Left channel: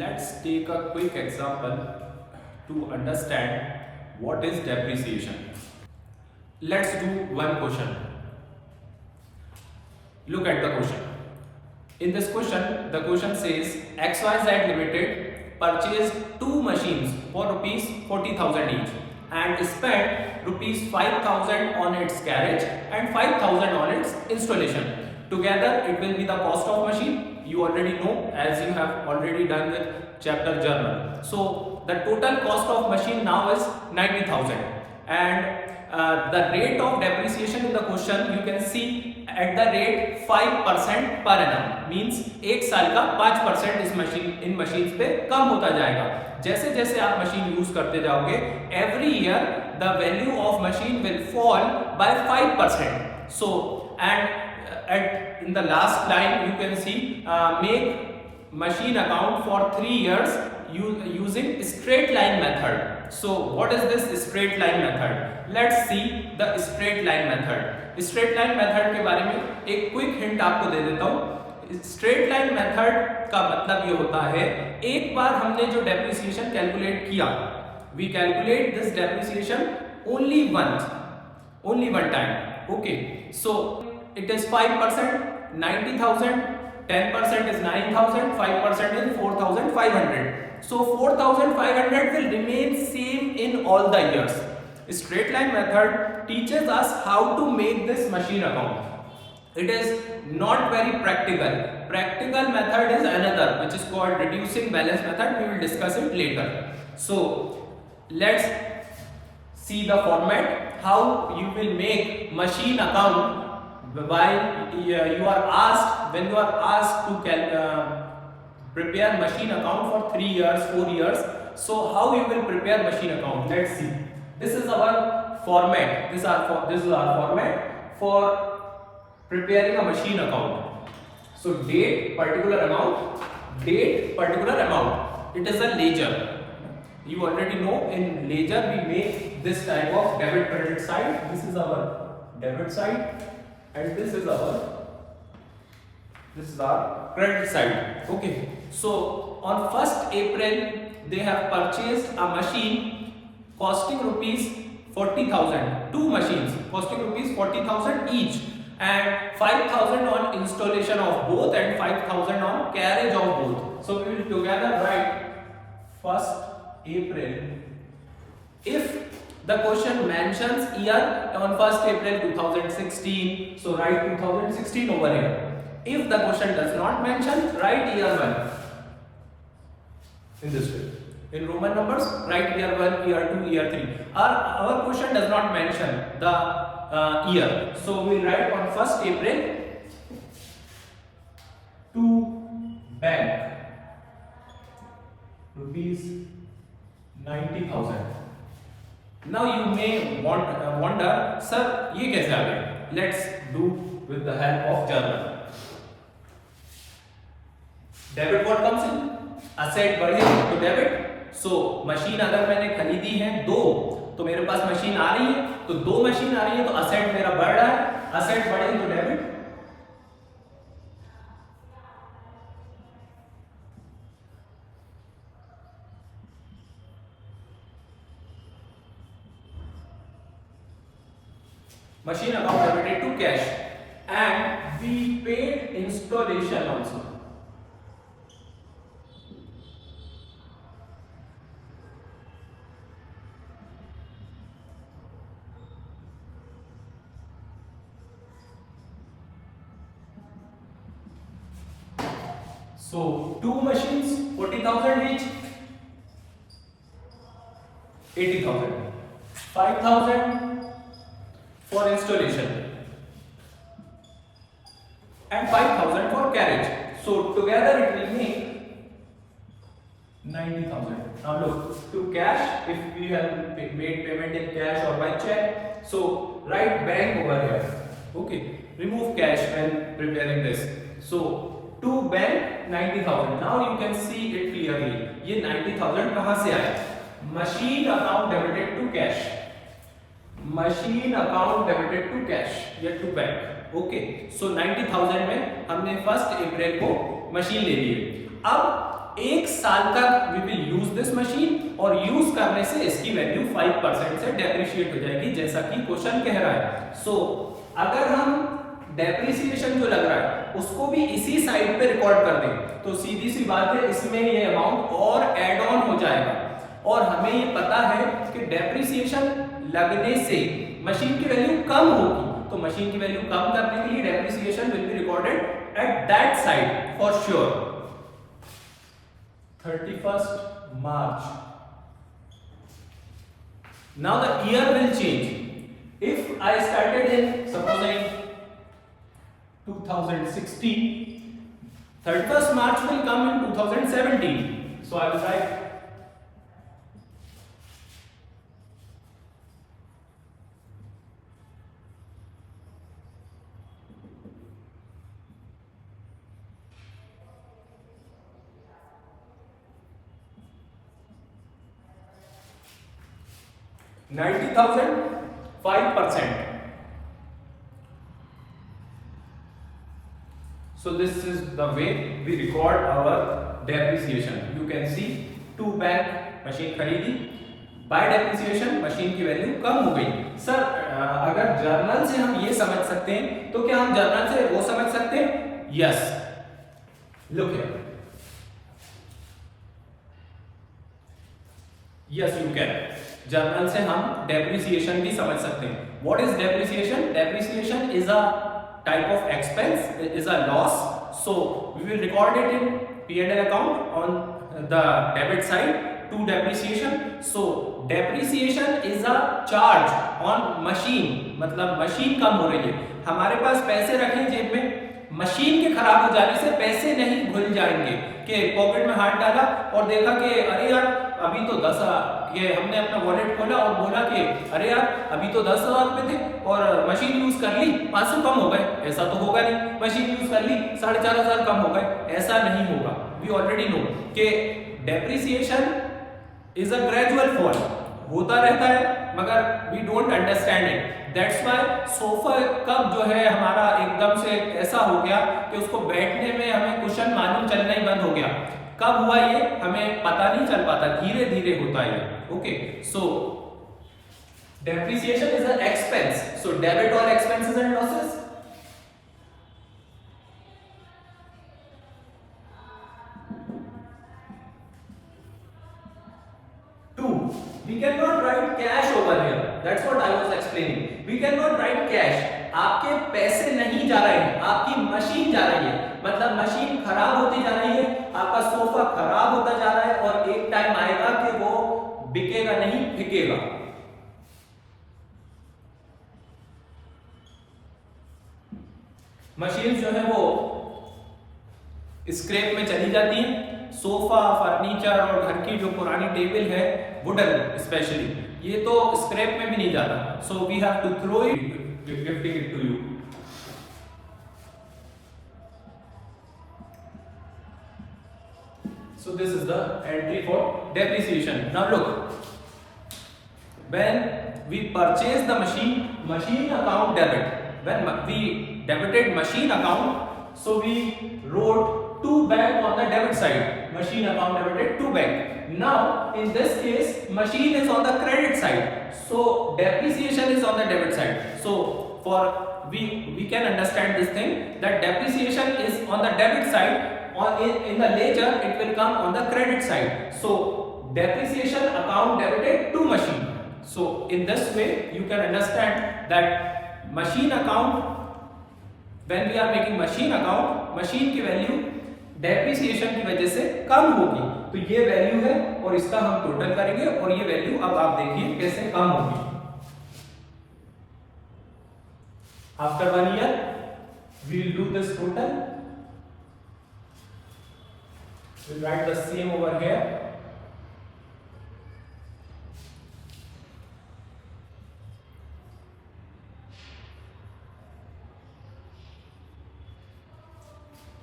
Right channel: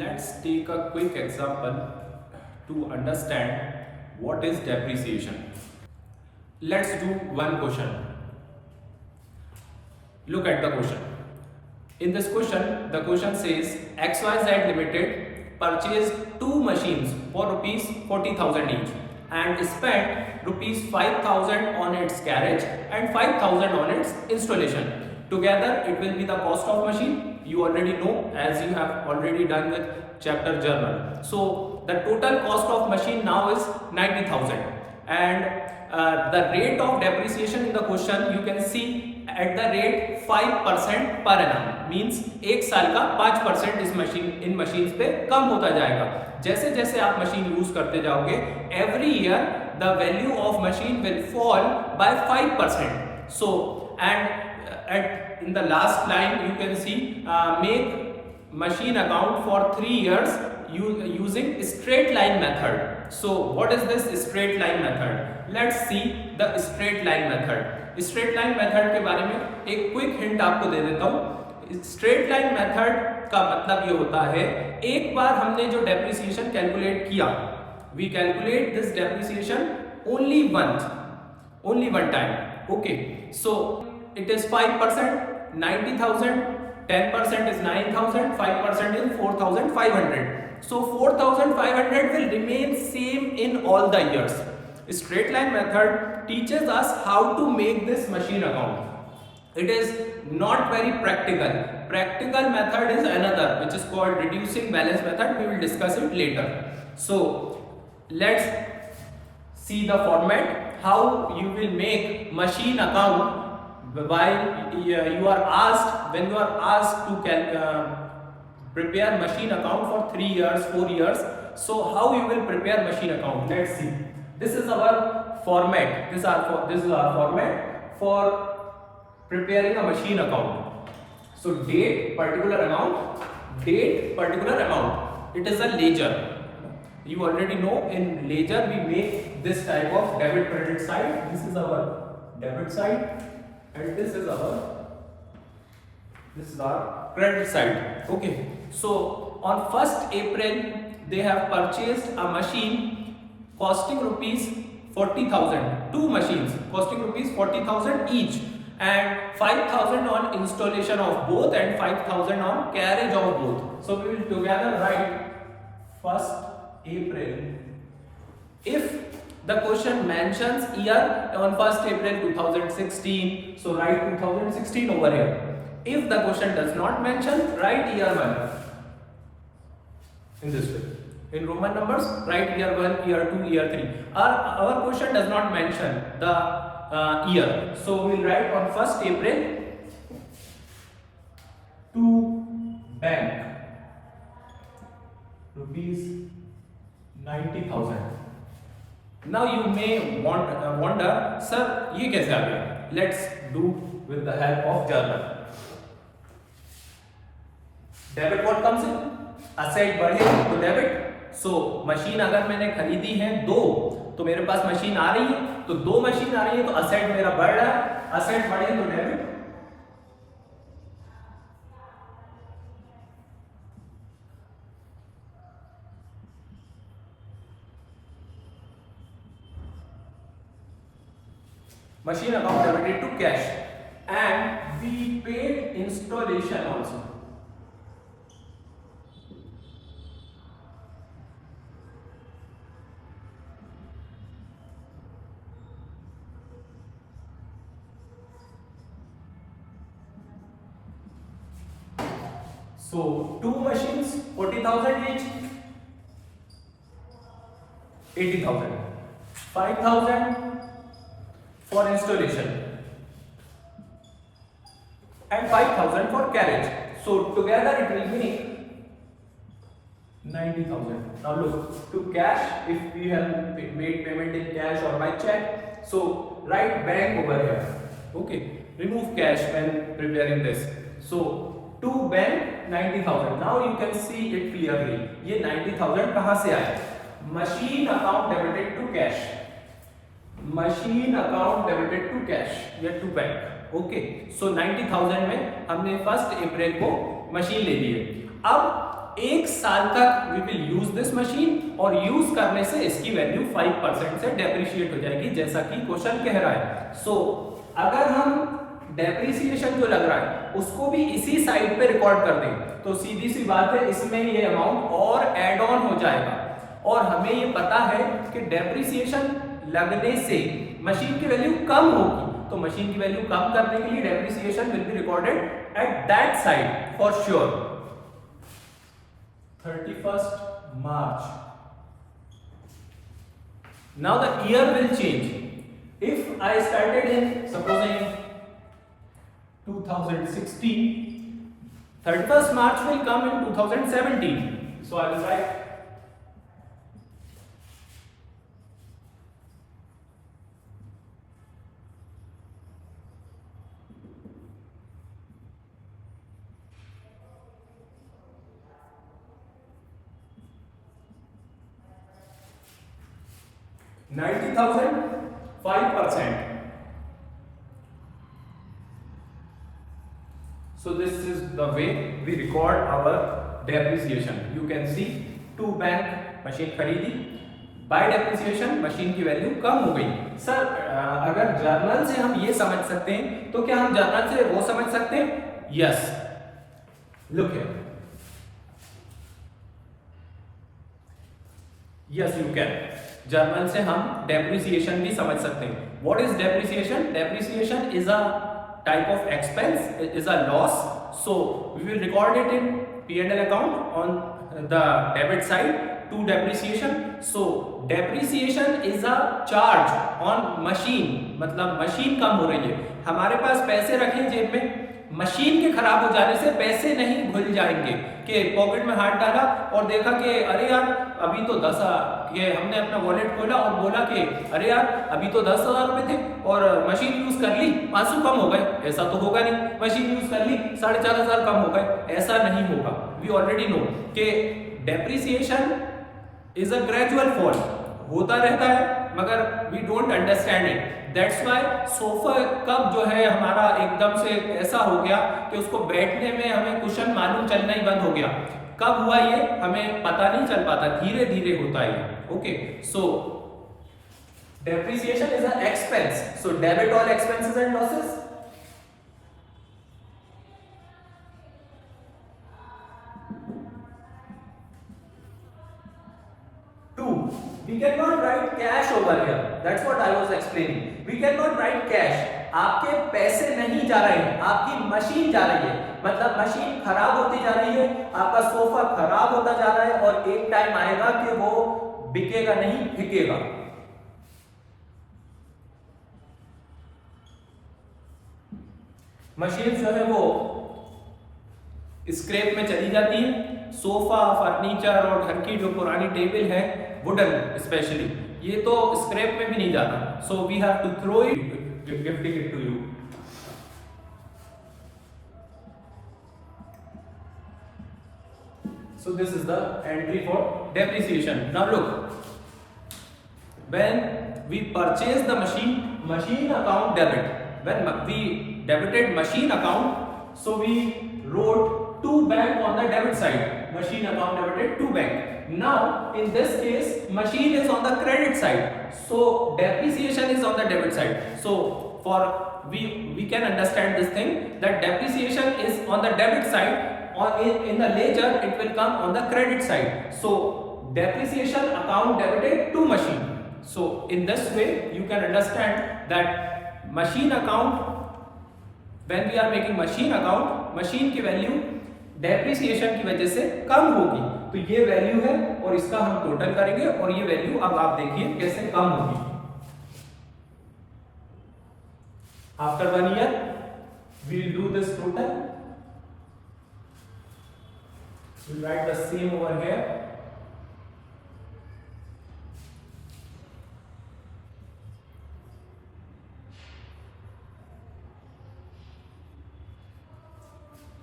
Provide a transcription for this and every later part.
Let's take a quick example to understand what is depreciation. Let's do one question. Look at the question. In this question, the question says XYZ Limited purchased two machines for rupees 40,000 each and spent rupees 5,000 on its carriage and 5,000 on its installation. Together it will be the cost of machine. You already know, as you have already done with chapter journal. So the total cost of machine now is 90,000 and the rate of depreciation in the question you can see at the rate 5% per annum, means एक साल का 5% इस machine पे कम होता जाएगा। जैसे जैसे आप मशीन यूज करते जाओगे every year the value of machine will fall bye 5%. So and in the last line you can see make machine account for 3 years using straight line method. So what is this straight line method? Let's see the straight line method. Straight line method के बारे में एक quick hint आपको दे देता हूँ। Straight line method का मतलब ये होता है, एक बार हमने जो डेप्रिसिएशन कैलकुलेट किया, we calculate this depreciation only one time. Okay, so it is 5%, 90,000, 10% is 9,000, 5% is 4,500. So 4,500 will remain same in all the years. Straight line method teaches us how to make this machine account. It is not very practical. Practical method is another, which is called reducing balance method. We will discuss it later. So let's see the format, how you will make machine account while you are asked, when you are asked to prepare machine account for 3 years, 4 years. So how you will prepare machine account? Let's see. This is our format. This is our format for preparing a machine account. So date, particular amount, date, particular amount. It is a ledger. You already know in ledger we make this type of debit credit side. This is our debit side. And this is our credit side. Okay, so on 1st April they have purchased a machine costing rupees 40,000, two machines costing rupees 40,000 each, and 5,000 on installation of both and 5,000 on carriage of both. So we will together write 1st April. If the question mentions year on 1st April 2016, so write 2016 over here. If the question does not mention, write year 1 in this way. In Roman numbers, write year 1, year 2, year 3. Our question does not mention the year, so we will write on 1st April to bank rupees 90,000. Now you may wonder, sir, ये कैसे आ गया? Let's do with the help of journal. Debit what comes in? Asset बढ़े तो debit. So machine अगर मैंने खरीदी है 2, तो मेरे पास मशीन आ रही है, तो 2 मशीन आ रही है तो asset मेरा बढ़ रहा है, asset बढ़े तो debit. Machine account debited to cash, and we paid installation also. So 2 machines, 40,000 each, 80,000, 5,000 for installation and 5,000 for carriage. So together it will make 90,000. Now look, to cash, if we have made payment in cash or by check, so write bank over here. Okay, remove cash when preparing this. So to bank 90,000. Now you can see it clearly. ये 90,000 कहाँ से आया? Machine account debited to cash. Machine account debited to cash या to bank. Okay, so 90,000 में हमने 1st अप्रैल को machine ले ली है. अब 1 साल तक we will use this machine और यूज करने से इसकी वैल्यू 5% से डेप्रिशिएट हो जाएगी, जैसा कि क्वेश्चन कह रहा है। सो अगर हम डेप्रिसिएशन जो लग रहा है उसको भी इसी साइड पे रिकॉर्ड कर दें तो सीधी सी बात है इसमें ये अमाउंट और ऐड ऑन हो जाएगा। और हमें ये पता है कि डेप्रिसिएशन लगने से मशीन की वैल्यू कम होगी, तो मशीन की वैल्यू कम करने के लिए depreciation will be recorded at that side for sure. 31st March. Now the year will change. If I started in supposing 2016, 31st March will come in 2017. So I will write 90,000 5%. So this is the way we record our depreciation. You can see 2 bank machine खरीदी, bye depreciation machine की value कम हो गई। Sir अगर journal से हम ये समझ सकते हैं तो क्या हम जर्नल से वो समझ सकते हैं? Yes, look here, yes you can. Journal से हम डेप्रिसिएशन भी समझ सकते हैं। What is depreciation? Depreciation is a type of expense, is a loss, so we will record it in P&L account on the debit side to depreciation. So depreciation is a charge on machine, मतलब machine कम हो रही है, हमारे पास पैसे रखे जेब में, machine के खराब हो जाने से पैसे नहीं भूल जाएंगे कि पॉकेट में हाथ डाला और देखा कि अरे यार अभी तो 10,000, ये हमने अपना वॉलेट खोला और बोला कि अरे यार अभी तो 10,000 रुपए थे और मशीन यूज कर ली 500 कम हो गए। ऐसा तो होगा नहीं, मशीन यूज कर ली 4,500 कम हो गए, ऐसा नहीं होगा। वी ऑलरेडी नो कि depreciation is a gradual fall, होता रहता है मगर we don't understand it. That's why sofa कब जो है हमारा एकदम से ऐसा हो गया कि उसको बैठने में हमें कुशन मालूम चलना ही बंद हो गया। कब हुआ ये हमें पता नहीं चल पाता, धीरे धीरे होता है। Okay, so depreciation is an expense, so debit all expenses and losses. We cannot write cash over here. That's what I was explaining. We cannot write cash. आपके पैसे नहीं जा रहे हैं, आपकी मशीन जा रही है, मतलब मशीन खराब होती जा रही है, आपका सोफा खराब होता जा रहा है और एक टाइम आएगा कि वो बिकेगा नहीं, बिकेगा। मशीन जो है वो स्क्रैप में चली जाती है। सोफा, फर्नीचर और घर की जो पुरानी टेबल है वुडन स्पेशली, ये तो स्क्रैप में भी नहीं जाता। So we have to throw it, gifting it to you. So this is the entry for depreciation. Now look, when we purchase the machine, machine account debit. When we debited machine account, so we wrote 2 bank on the debit side. Machine account debited 2 bank. Now in this case, machine is on the credit side. So depreciation is on the debit side. So for we can understand this thing that depreciation is on the debit side. In the ledger it will come on the credit side. So depreciation account debited to machine. So in this way you can understand that machine account, when we are making machine account, machine की value depreciation की वजह से कम होगी, तो ये value है और इसका हम टोटल करेंगे और ये वैल्यू अब आप देखिए कैसे कम होगी। After 1 year we will do this total. We'll write the same over here.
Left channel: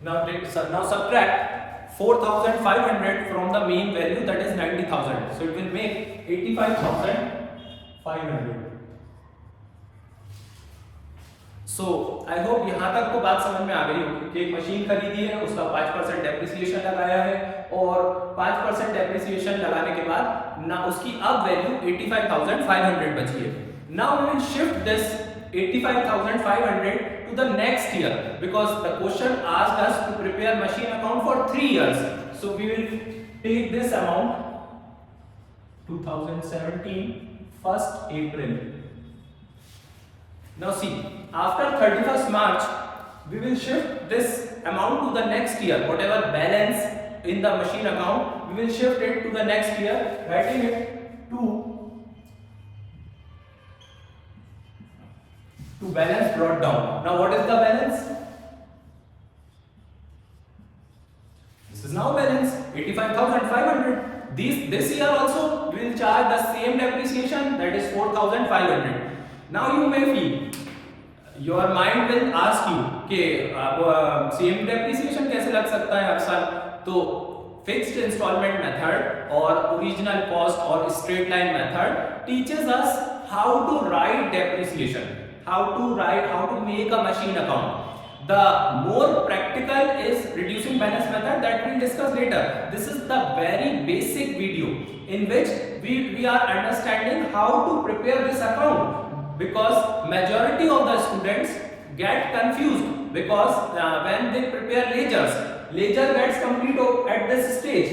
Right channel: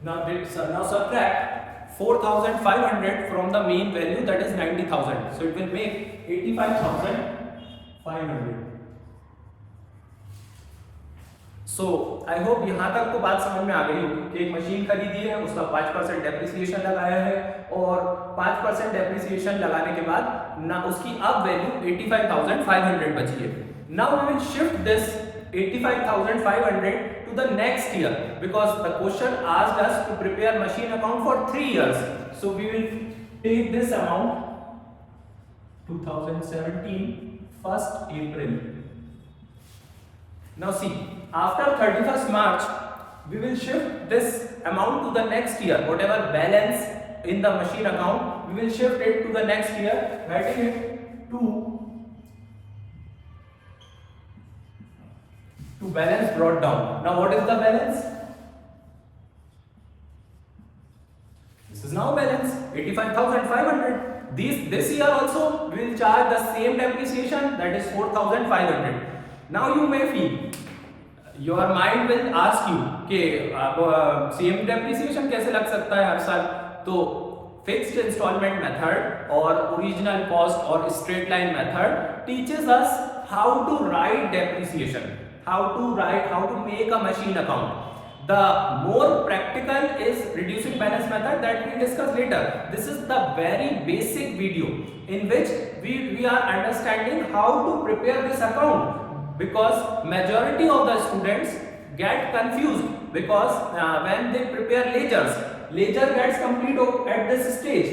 Now subtract 4,500 from the main value, that is 90,000. So it will make 85,500. So I hope यहाँ तक तो बात समझ में आ गई होगी कि एक मशीन खरीदी है, उसका 5% डेप्रिसिएशन लगाया है और 5% डेप्रिसिएशन लगाने के बाद ना उसकी अब वैल्यू 85,500 बची है. Now we will shift this 85,500 to the next year because the question asked us to prepare machine account for 3 years. So we will take this amount 2017 1st April. Now see, after 31st March, we will shift this amount to the next year. Whatever balance in the machine account, we will shift it to the next year, writing it to balance brought down. Now what is the balance? This is now balance 85,500. This year also we will charge the same depreciation, that is 4,500. Now you may feel, your mind will ask you कि same depreciation कैसे लग सकता है हर साल. तो fixed instalment method और original cost और straight line method teaches us how to write depreciation, how to make a machine account. The more practical is reducing balance method that we will discuss later. This is the very basic video in which we are understanding how to prepare this account, because majority of the students get confused because when they prepare ledgers gets complete at this stage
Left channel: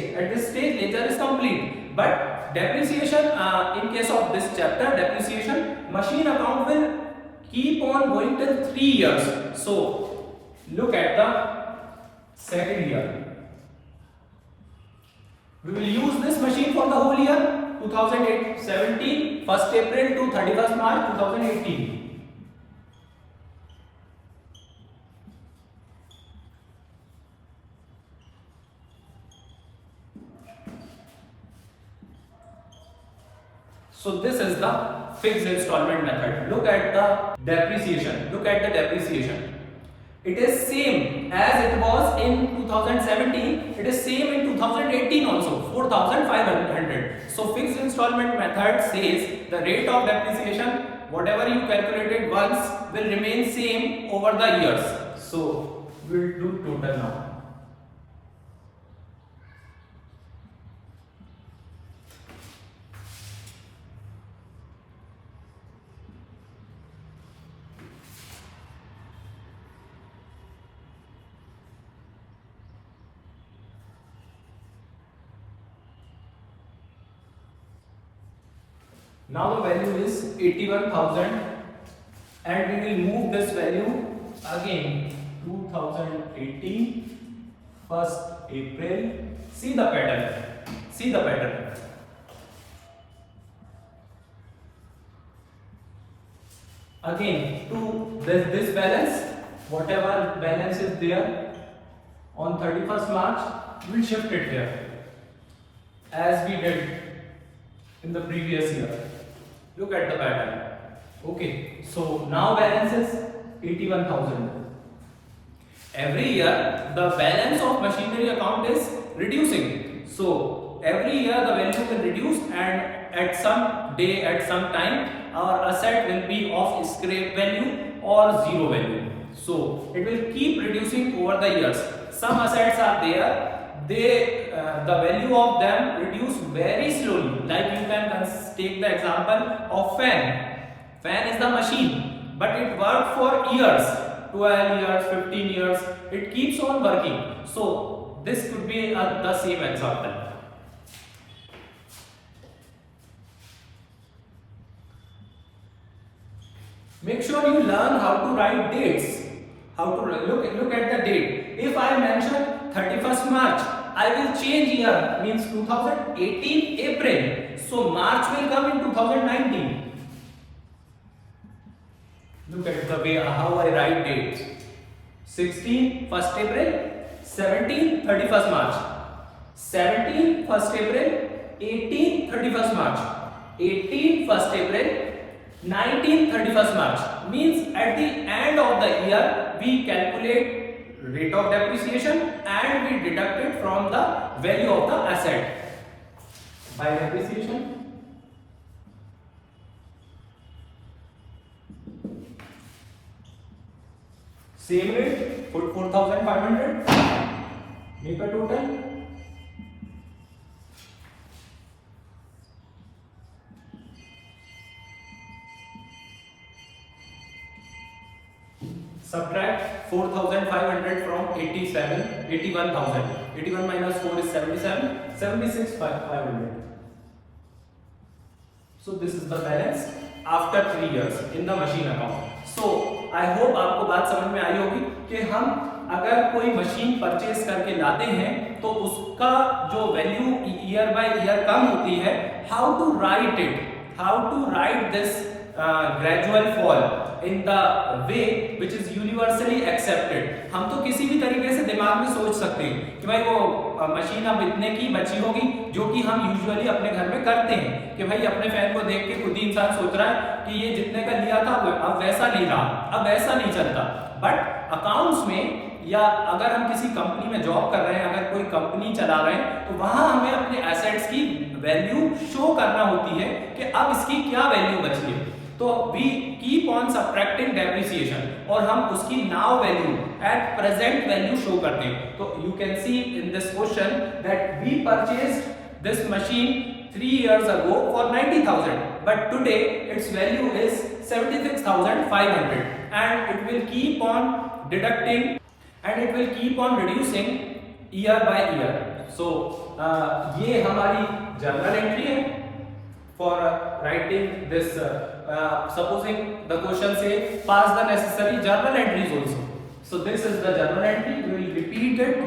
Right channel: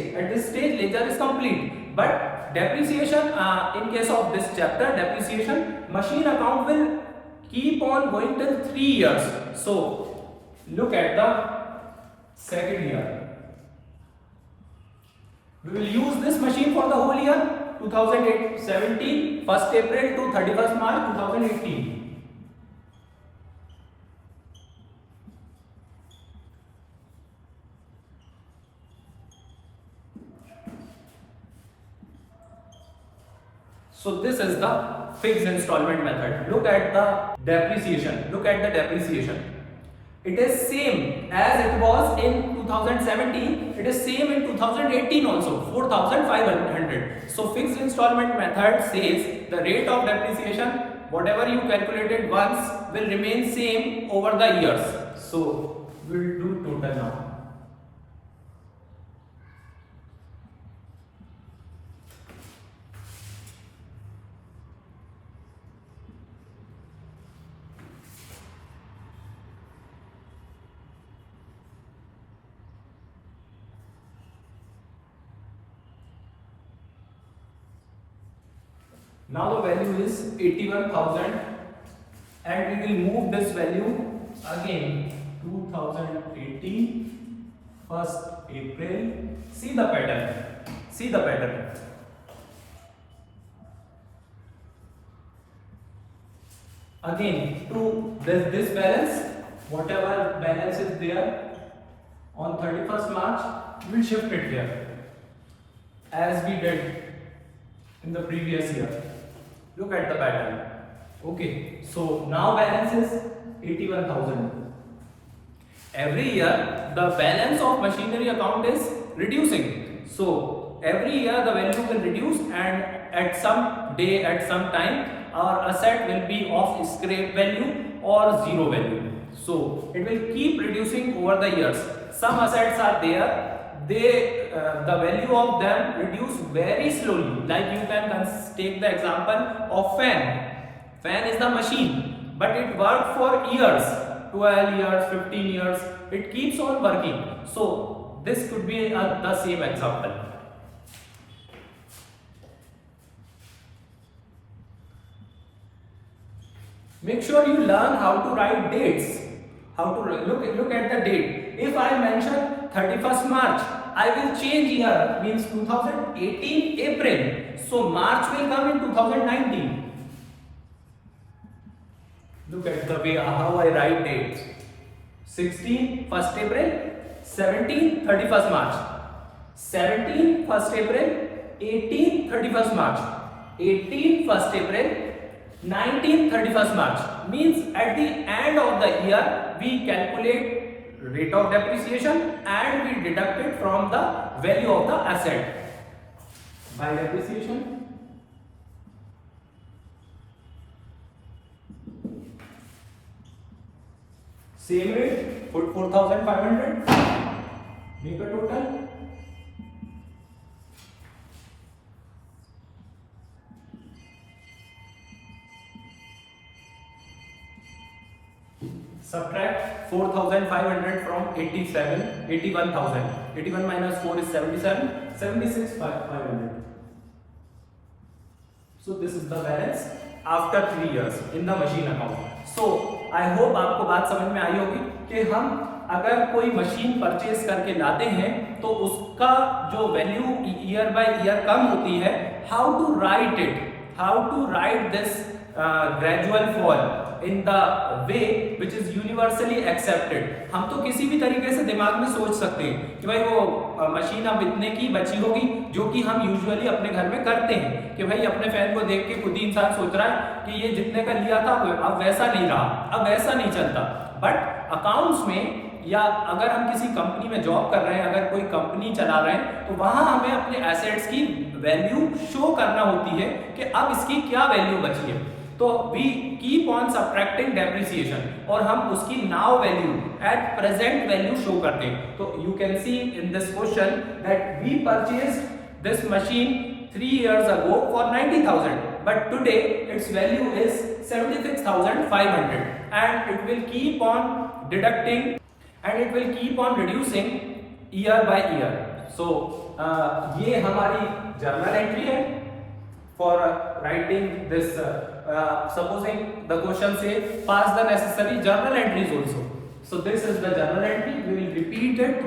ledger is complete, but depreciation in case of this chapter depreciation machine account will keep on going till 3 years. So look at the second year. We will use this machine for the whole year 2017 1st April to 31st March 2018. So this is the fixed installment method. Look at the depreciation. It is same as it was in 2017. It is same in 2018 also, 4,500. So fixed installment method says the rate of depreciation, whatever you calculated once, will remain same over the years. So we'll do total now. Now the value is 81,000 and we will move this value again 2018 1st April. See the pattern. Again to this balance, whatever balance is there on 31st March, we will shift it here as we did in the previous year. Look at the pattern. Okay, so now balance is 81,000. Every year the balance of machinery account is reducing. So every year the value will reduce, and at some day, at some time, our asset will be of scrap value or zero value. So it will keep reducing over the years. Some assets are there, the value of them reduce very slowly. Like you can take the example of fan. Fan is the machine, but it worked for years, 12 years, 15 years. It keeps on working. So this could be the same example. Make sure you learn how to write dates. How to look at the date. If I mention 31st March, I will change year, means 2018 April. So March will come in 2019. Look at the way how I write dates. 16 1st April, 17 31st March, 17 1st April, 18 31st March, 18 1st April, 19 31st March. Means at the end of the year we calculate rate of depreciation and we deduct it from the value of the asset by depreciation. same rate, put 4500, make a total. Subtract 4500 from 81,000. 81 minus 4 is 77, 76,500. So this is the balance after 3 years in the machine account. So I hope आपको बात समझ में आई होगी कि हम अगर कोई machine purchase करके लाते हैं तो उसका जो वैल्यू ईयर बाय ईयर कम होती है, how to write this gradual fall in the way which is universally accepted. हम तो किसी भी तरीके से दिमाग में सोच सकते हैं कि भाई वो मशीन अब इतने की बची होगी, जो कि हम यूजुअली अपने घर में करते हैं कि भाई अपने फैन को देख के खुद ही इंसान सोच रहा है कि ये जितने का लिया था अब वैसा नहीं रहा, अब वैसा नहीं चलता. बट अकाउंट्स में या अगर हम किसी कंपनी में जॉब कर रहे हैं, अगर कोई कंपनी चला रहे हैं, तो वहां हमें अपने एसेट्स की वैल्यू शो करना होती है कि अब इसकी क्या वैल्यू बची है. तो we keep on subtracting depreciation और हम उसकी now value at present value show करते हैं. तो you can see in this question that we purchased this machine 3 years ago for 90,000, but today its value is 76,500, and it will keep on deducting and it will keep on reducing year by year. So ये हमारी journal entry है for writing this. Supposing the question say pass the necessary journal entries also. So this is the journal entry. We will repeat it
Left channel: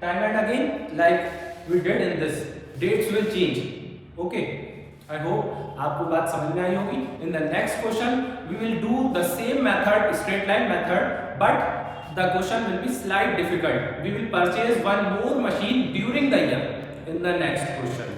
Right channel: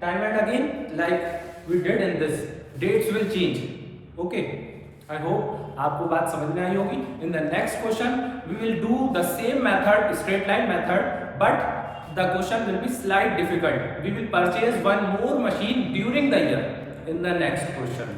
time and again like we did in this. Dates will change. Okay. I hope आपको बात समझ में आई होगी. In the next question we will do the same method, straight line method, but the question will be slight difficult. We will purchase one more machine during the year in the next question.